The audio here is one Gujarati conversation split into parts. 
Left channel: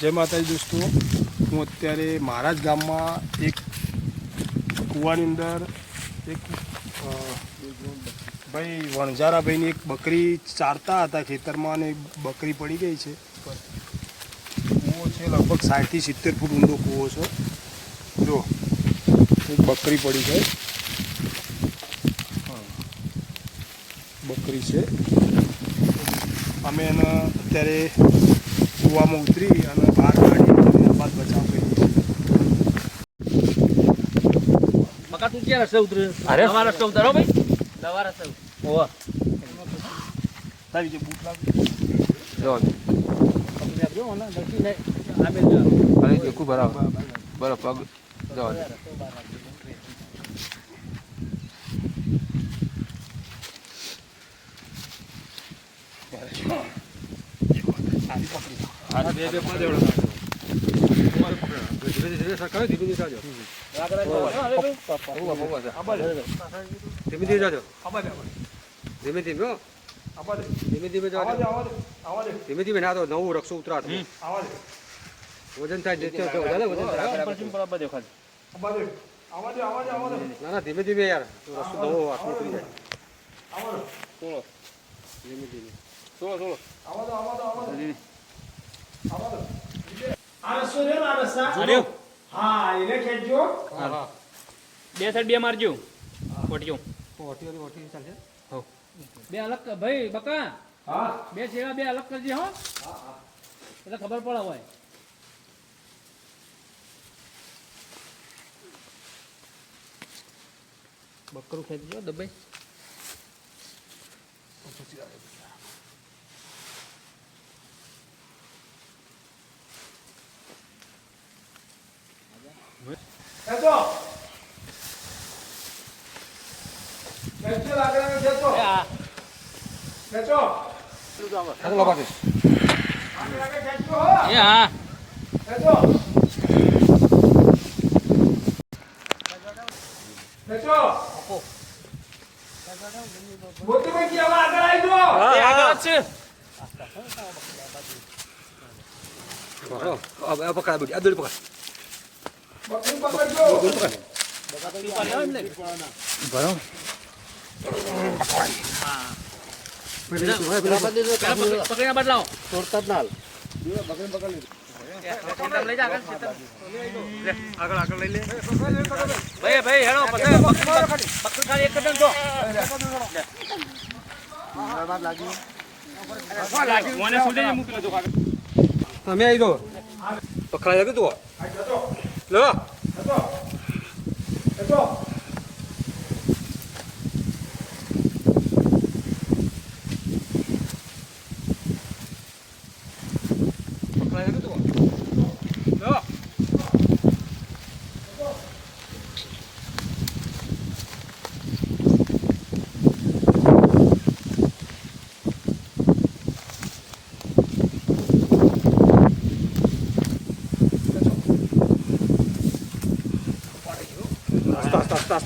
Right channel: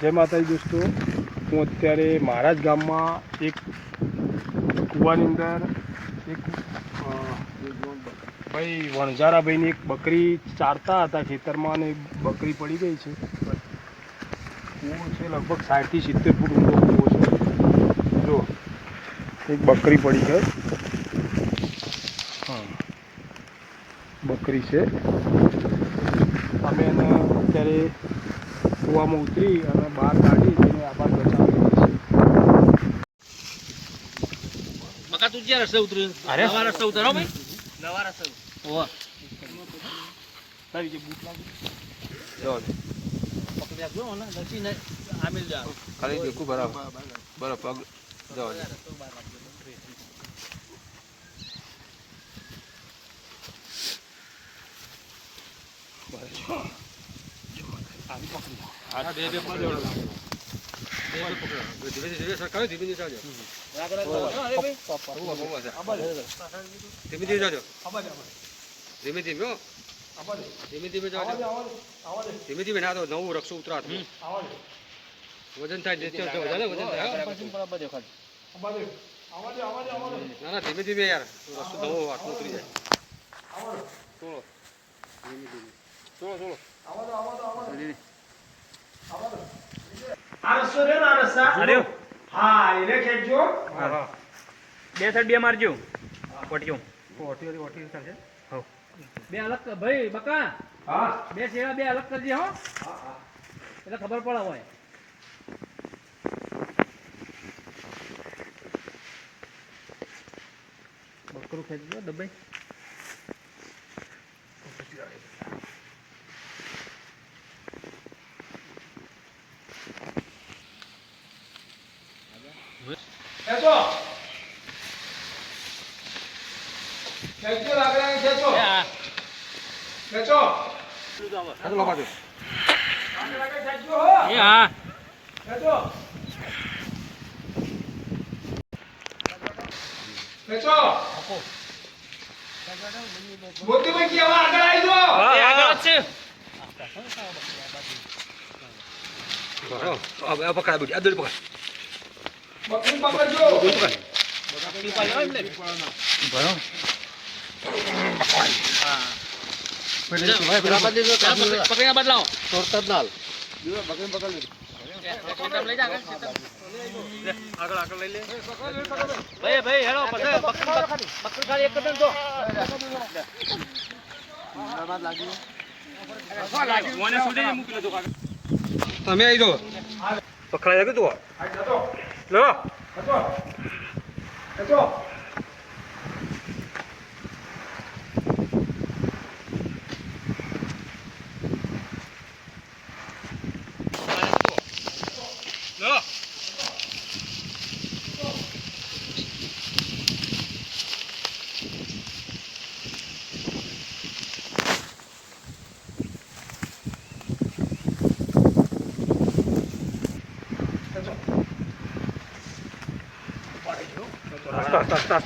જય માતાજી દોસ્તો, હું અત્યારે મારા જ ગામમાં એક કૂવાની અંદર એક ભાઈ વણઝારાભાઈની એક બકરી ચારતા હતા ખેતરમાં અને બકરી પડી ગઈ છે. કૂવો છે લગભગ 60 થી 70 ફૂટ ઊંડો કૂવો છે. જો એક બકરી પડી ગઈ, બકરી છે. અમે એને અત્યારે કૂવામાં ઉતરી અને બહાર કાઢી આ બાદ બચાવી. બકા તું ક્યાં રસ્તે ઉતરે? નવા રસ્તે ઉતારો ભાઈ, નવા રસ્તે ઓવા લાવી જે બૂટ લાવી જો જો ને નથી ને આમે જા અરે દેખું બરાબર બરાબર પગ જો આવી પકડી આ બે બે પાડો ધીરે ધીરે સરકાય ધીરે ધીરે જાજો ધીમે ધીમે જાજો ધીમે ધીમે ધીમે ધીમે જાઓ ધીમે ધીમે ના તો નવું રક્ષો ઉતરા વજન થાય વજન થાય ના ના ધીમે ધીમે યાર રસ્તો નવો હાથમાં ઉતરી જાય થોડો ધીમે ધીમે થોડો આ રસ્તો રે આ રસ્તા અરે હા એને ખેંચજો. બે સાઈડ બે મારજો ઓટીઓ ઓટી ચાલશે બે અલગ ભાઈ બકા હા બે છેડા બે અલગ કરજે હો એટલે ખબર પડે હોય. બકરું ખેંચજો દબાઈ ખેંચો ખેંચો લાકડા ખેંચો ખેંચો આ બાબા દે ખેંચો એ હા ખેંચો ખેંચો મોટી ભાઈ કેવા આગળ આવી જો આગળ જ છે. આ પકડા દો આ દોરી પકડ બકરી પકડજો. પકડીને બદલાવો તોડતા જ ના ભાઈ ભાઈ હેડો બકરી ખાલી એક કદમ જો મને સુધી મૂકી દો તમે આવી દો પકડાઈ લાગે તું આ જતો લો ખેંચો ખેંચો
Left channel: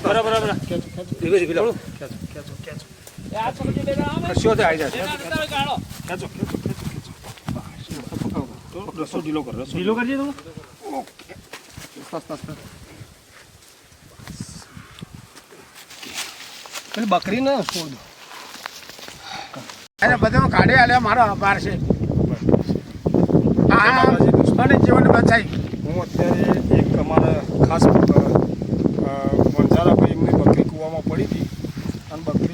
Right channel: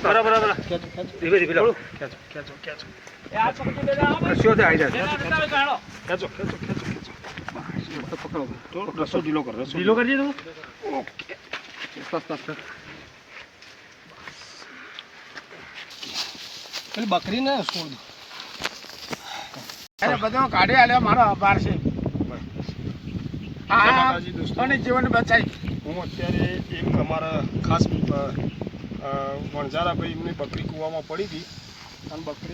બરાબર ધીમે ધીમે લાવો ખેંચો ખેંચો એ આ સમજી લેલા આવે કશો તે આવી જાય ખેંચો ખેંચો ખેંચો પકડો થોડો રસો ઢીલો કર રસો ઢીલો કરજે તું ઓકે પેલી બકરી ને છોડ દો. અરે બધા કાઢી આલ્યા મારો આભાર છે. હા અને જીવન બચાવી. હું અત્યારે એક અમારા ખાસ વણઝારાભાઈ એમની બકરી કૂવામાં પડી હતી અને બકરી